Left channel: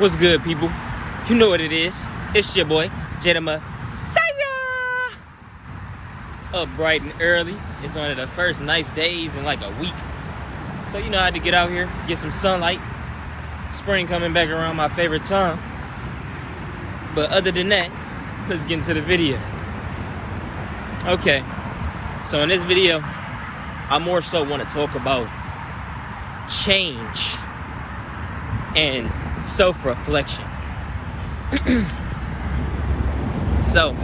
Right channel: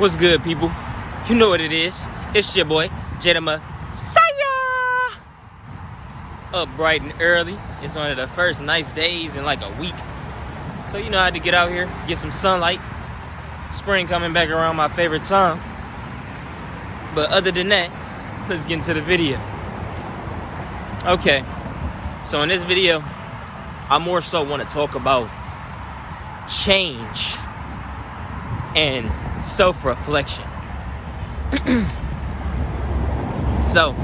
What's good, people? You know what it is. It's your boy, Jada Messiah. Up bright and early. It's one of the first nice days in like a week. So you know I had to get out here, get some sunlight. Spring coming back around my favorite time. But other than that, let's get into the video. Okay, so in this video, I more so want to talk about change and self-reflection. So,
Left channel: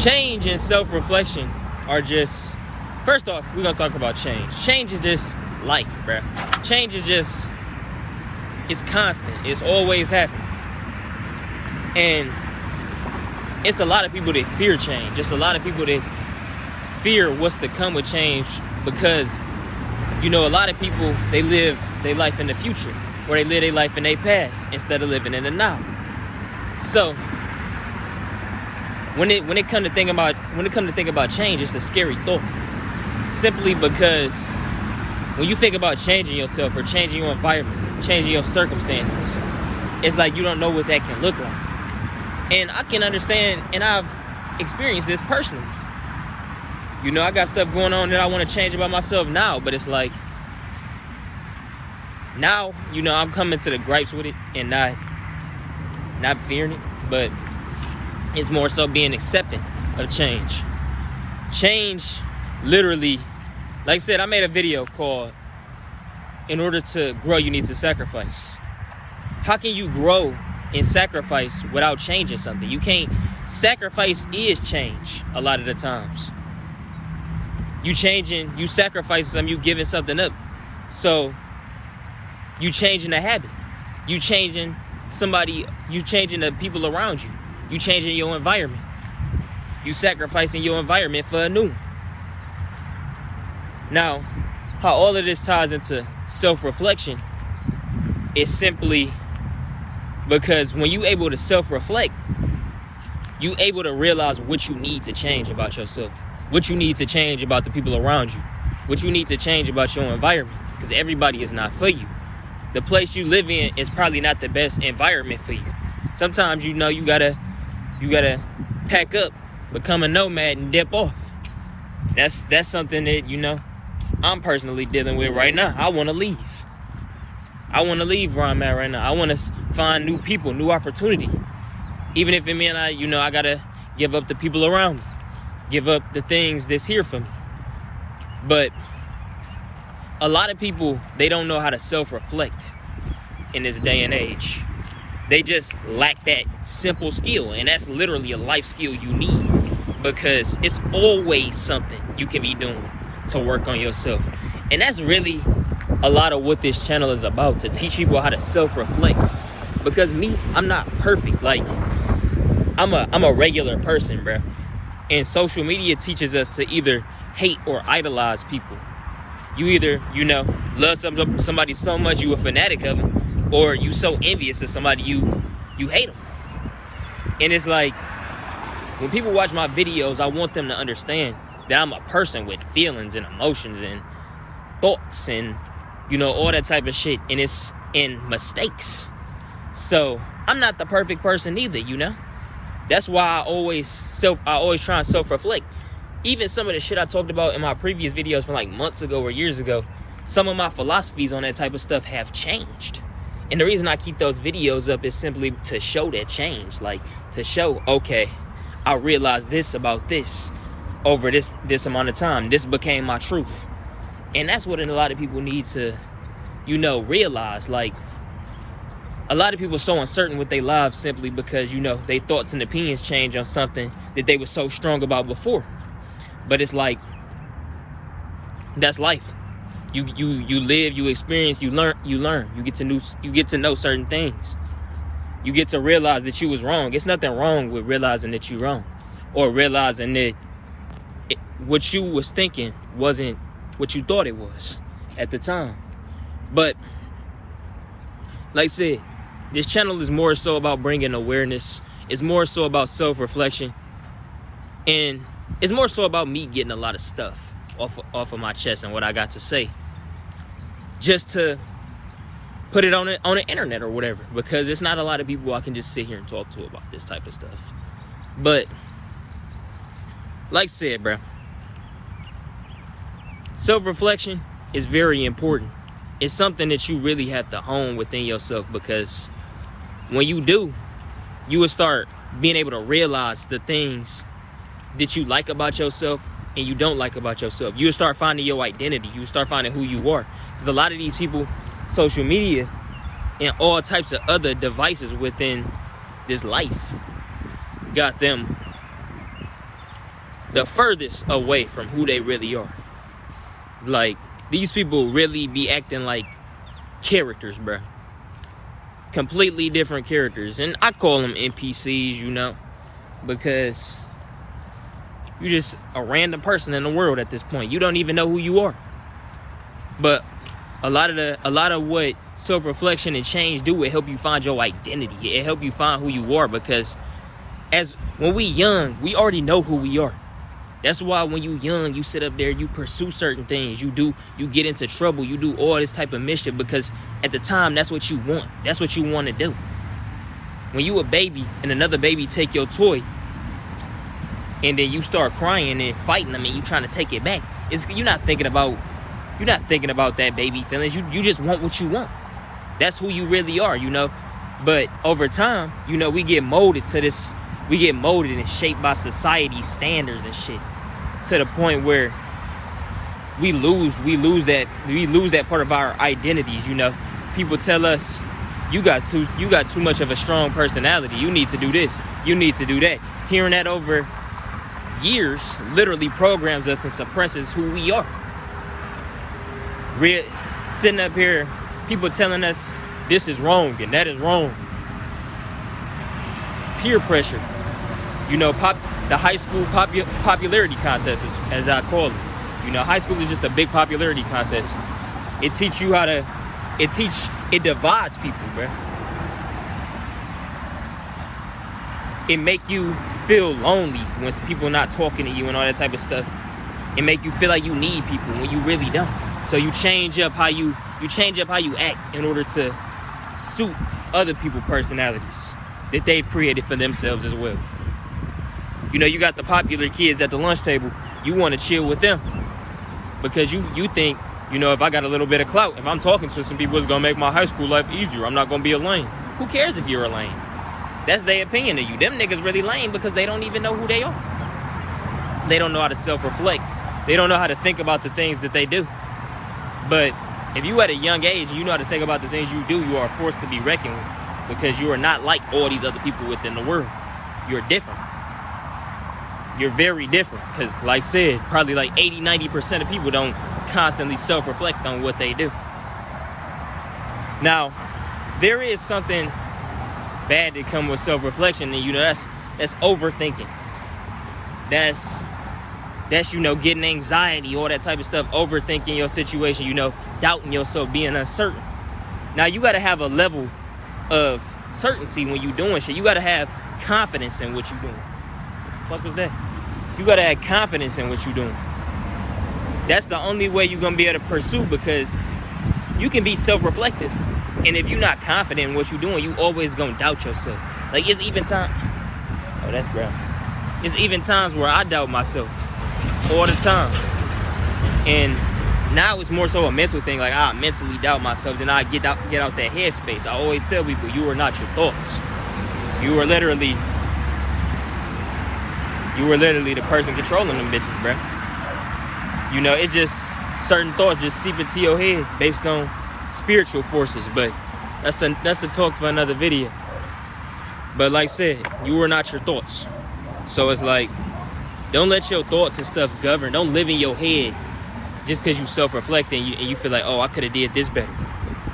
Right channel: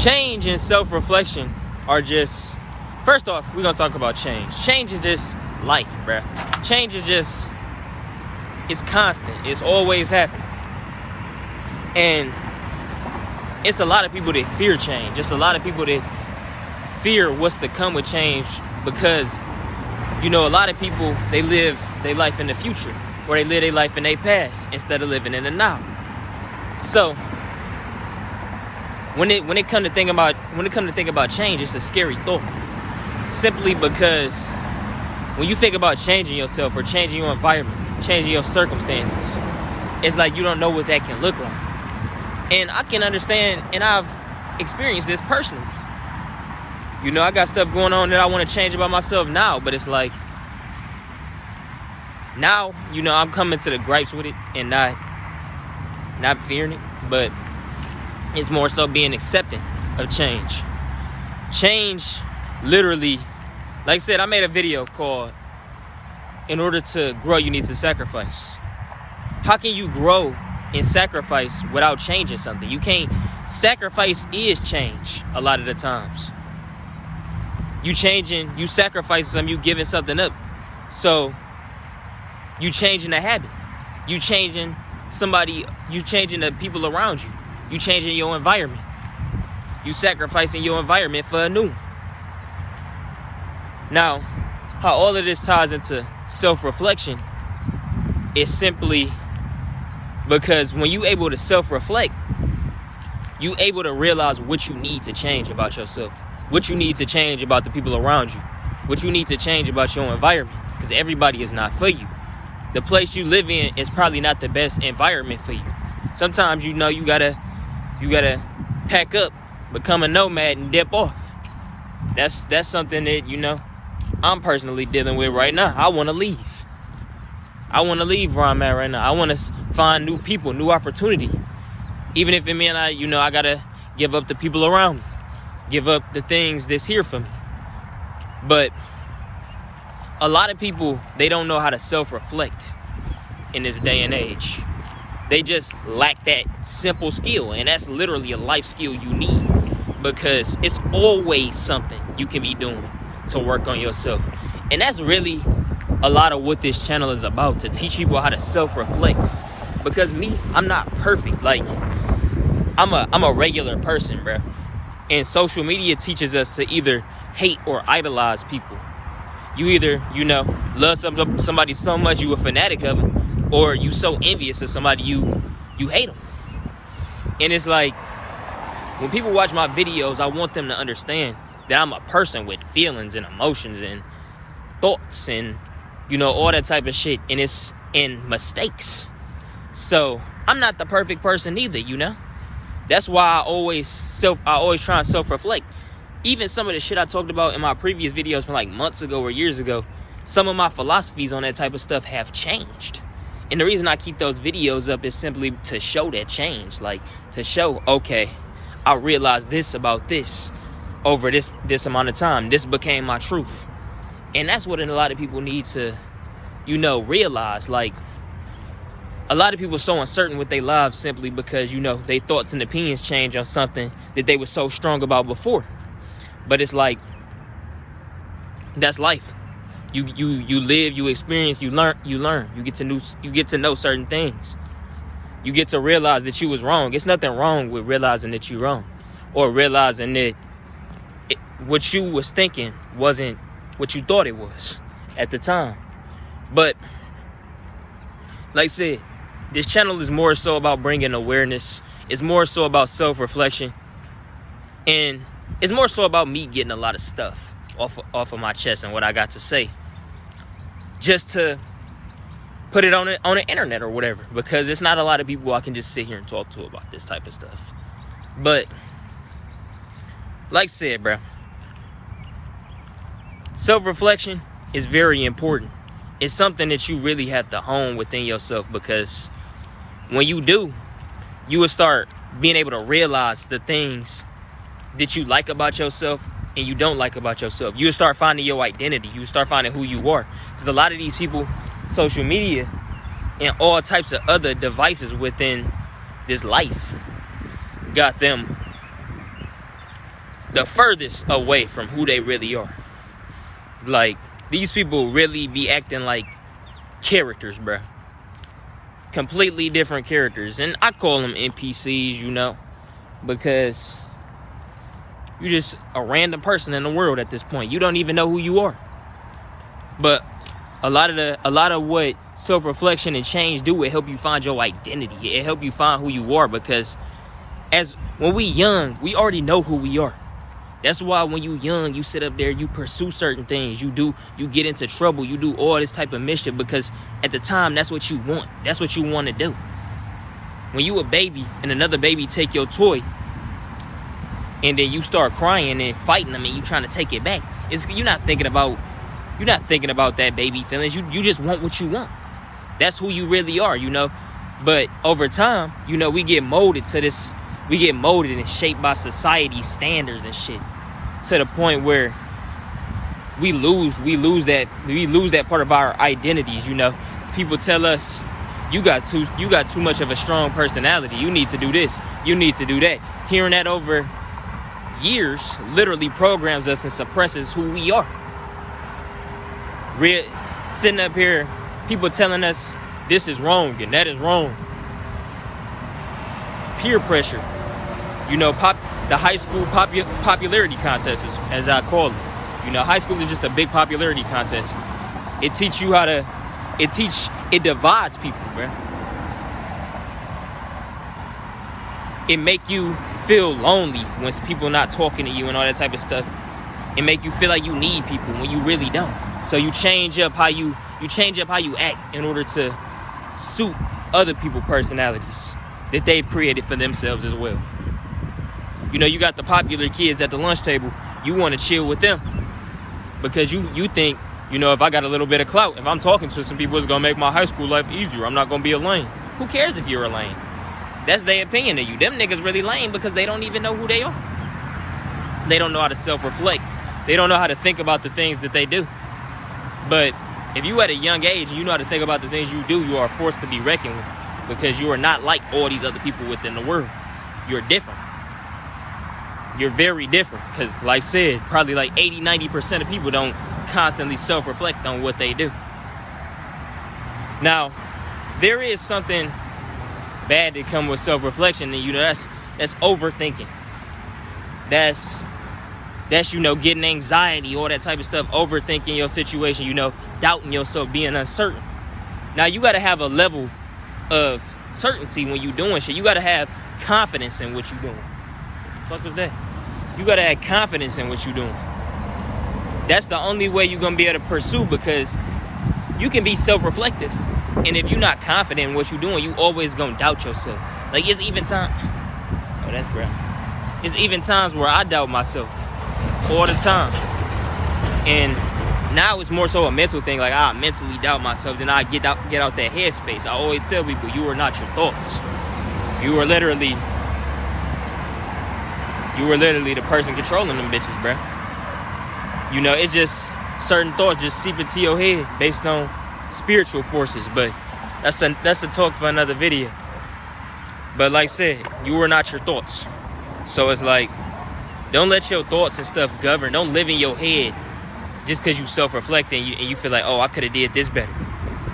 change and self-reflection are just, first off, we're going to talk about change. Change is just life, bruh. Change is just, it's constant. It's always happening. And it's a lot of people that fear change. It's a lot of people that fear what's to come with change because, you know, a lot of people, they live their life in the future or they live their life in their past instead of living in the now. So when it come to think about change, it's a scary thought. Simply because when you think about changing yourself or changing your environment, changing your circumstances, it's like you don't know what that can look like. And I can understand, and I've experienced this personally. You know, I got stuff going on that I want to change about myself now, but it's like, now, you know, I'm coming to the gripes with it and not fearing it, but it's more so being accepting of change. Change, literally, like I said, I made a video called, in order to grow, you need to sacrifice. How can you grow and sacrifice without changing something? You can't. Sacrifice is change a lot of the times. You changing, you sacrificing something, you giving something up. So you changing a habit. You changing somebody, you changing the people around you. You changing your environment. You sacrificing your environment for a new one. Now, how all of this ties into self-reflection is simply because when you able to self-reflect, you able to realize what you need to change about yourself, what you need to change about the people around you, what you need to change about your environment, because everybody is not for you. The place you live in is probably not the best environment for you. Sometimes, you know, you gotta pack up, become a nomad, and dip off. That's something that, you know, I'm personally dealing with right now. I want to leave. I want to leave where I'm at right now. I want to find new people, new opportunity. Even if it means I gotta give up the people around me, give up the things that's here for me. But a lot of people, they don't know how to self-reflect in this day and age. They just lack that simple skill, and that's literally a life skill you need, because it's always something you can be doing to work on yourself. And that's really a lot of what this channel is about, to teach people how to self-reflect. Because me, I'm not perfect. Like, I'm a regular person, bro. And social media teaches us to either hate or idolize people. You either, you know, love somebody so much you a fanatic of them, or you so envious of somebody you hate them. And it's like, when people watch my videos, I want them to understand that I'm a person with feelings and emotions and thoughts and, you know, all that type of shit, and it's in mistakes. So I'm not the perfect person either, you know. That's why I always try and self-reflect. Even some of the shit I talked about in my previous videos from like months ago or years ago, some of my philosophies on that type of stuff have changed. And the reason I keep those videos up is simply to show that change. Like, to show, okay, I realized this about this over this amount of time. This became my truth. And that's what a lot of people need to, you know, realize. Like, a lot of people are so uncertain with their lives simply because, you know, their thoughts and opinions change on something that they were so strong about before. But it's like, that's life. You live, you experience, you learn. You get to know certain things. You get to realize that you was wrong. It's nothing wrong with realizing that you're wrong, or realizing that what you was thinking wasn't what you thought it was at the time. But like I said, this channel is more so about bringing awareness. It's more so about self-reflection. And it's more so about me getting a lot of stuff off of my chest and what I got to say. Just to put it on the internet or whatever, because it's not a lot of people I can just sit here and talk to about this type of stuff. But like I said, bro, self-reflection is very important. It's something that you really have to hone within yourself, because when you do, you will start being able to realize the things that you like about yourself and you don't like about yourself. You'll start finding your identity. You start finding who you are. Because a lot of these people, social media and all types of other devices within this life, got them the furthest away from who they really are. Like, these people really be acting like characters, bro. Completely different characters. And I call them NPCs, you know, because you're just a random person in the world at this point. You don't even know who you are. But a lot of what self-reflection and change do, it help you find your identity. It help you find who you are, because when we young, we already know who we are. That's why when you young, you sit up there, you pursue certain things. You get into trouble. You do all this type of mischief, because at the time, that's what you want. That's what you want to do. When you a baby and another baby take your toy, and then you start crying and fighting them and you trying to take it back, you're not thinking about that baby feelings. You just want what you want. That's who you really are, you know. But over time, you know, we get molded to this. We get molded and shaped by society's standards and shit, to the point where we lose that part of our identities, you know. People tell us, you got too much of a strong personality. You need to do this. You need to do that. Hearing that over years literally programs us and suppresses who we are. Sitting up here, people telling us this is wrong and that is wrong. Peer pressure. You know, the high school popularity contest, as I call it. You know, high school is just a big popularity contest. It teaches you it divides people, bro. It make you feel lonely when people not talking to you and all that type of stuff. It make you feel like you need people when you really don't. So you change up how you act in order to suit other people's personalities that they've created for themselves as well. You know, you got the popular kids at the lunch table. You want to chill with them because you think, you know, if I got a little bit of clout, if I'm talking to some people, it's going to make my high school life easier. I'm not going to be a lame. Who cares if you're a lame? That's their opinion of you. Them niggas really lame because they don't even know who they are. They don't know how to self-reflect. They don't know how to think about the things that they do. But if you at a young age and you know how to think about the things you do, you are forced to be reckoned with, because you are not like all these other people within the world. You're different. You're very different, because like I said, probably like 80-90% of people don't constantly self-reflect on what they do. Now, there is something bad that comes with self-reflection, and you know, that's overthinking. That's you know, getting anxiety, all that type of stuff, overthinking your situation, you know, doubting yourself, being uncertain. Now, you got to have a level of certainty when you're doing shit. You got to have confidence in what you're doing. What the fuck was that? You got to have confidence in what you're doing. That's the only way you're going to be able to pursue, because you can be self-reflective. And if you're not confident in what you're doing, you always going to doubt yourself. Like, it's even time. Oh, that's ground. It's even times where I doubt myself all the time. And now it's more so a mental thing. Like, I mentally doubt myself, then I get out that headspace. I always tell people, you are not your thoughts. You are literally the person controlling them bitches, bro. You know, it's just certain thoughts just seep into your head based on spiritual forces. But that's a talk for another video. But like I said, you are not your thoughts. So it's like, don't let your thoughts and stuff govern. Don't live in your head just because you self-reflect and you feel like, oh, I could have did this better.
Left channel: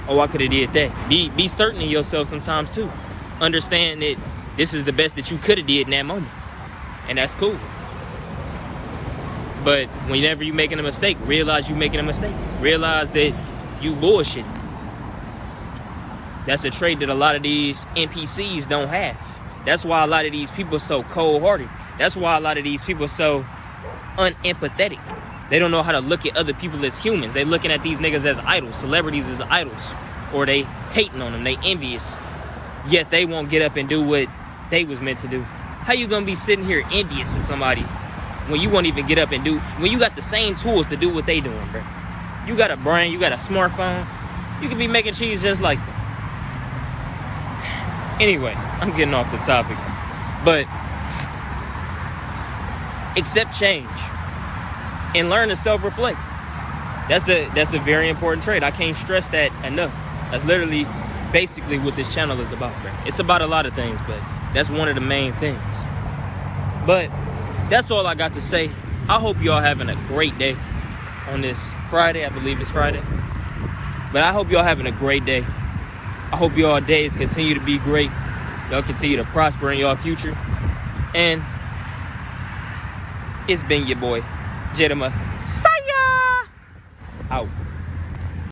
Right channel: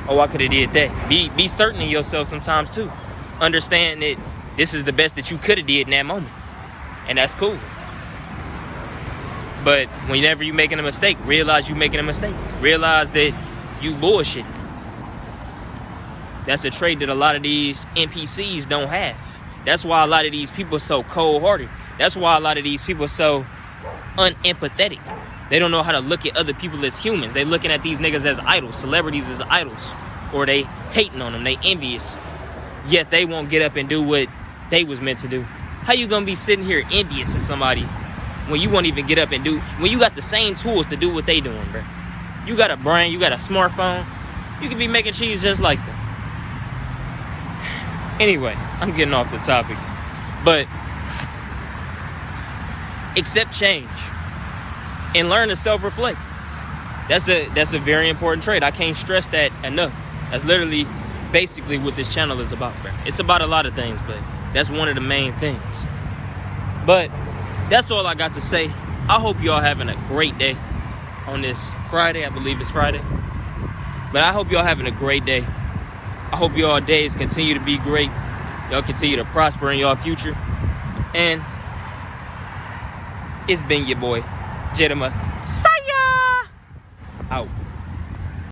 Oh, I could have did that. Be certain in yourself sometimes too. Understand that this is the best that you could have did in that moment. And that's cool. But whenever you're making a mistake, realize you're making a mistake. Realize that you bullshit. That's a trait that a lot of these NPCs don't have. That's why a lot of these people are so cold-hearted. That's why a lot of these people are so unempathetic. They don't know how to look at other people as humans. They're looking at these niggas as idols, celebrities as idols. or they hating on them, they envious, yet they won't get up and do what they was meant to do. How you gonna be sitting here envious of somebody when you won't even get up and do, when you got the same tools to do what they doing, bro? You got a brain, you got a smartphone, you can be making cheese just like them. Anyway, I'm getting off the topic, but accept change and learn to self-reflect. That's a very important trait. I can't stress that enough. That's literally basically what this channel is about, bro. It's about a lot of things, but that's one of the main things. But that's all I got to say. I hope y'all having a great day on this Friday. I believe it's Friday. But I hope y'all having a great day. I hope y'all days continue to be great. Y'all continue to prosper in y'all future. And it's been your boy, Jedama. Saya! Out.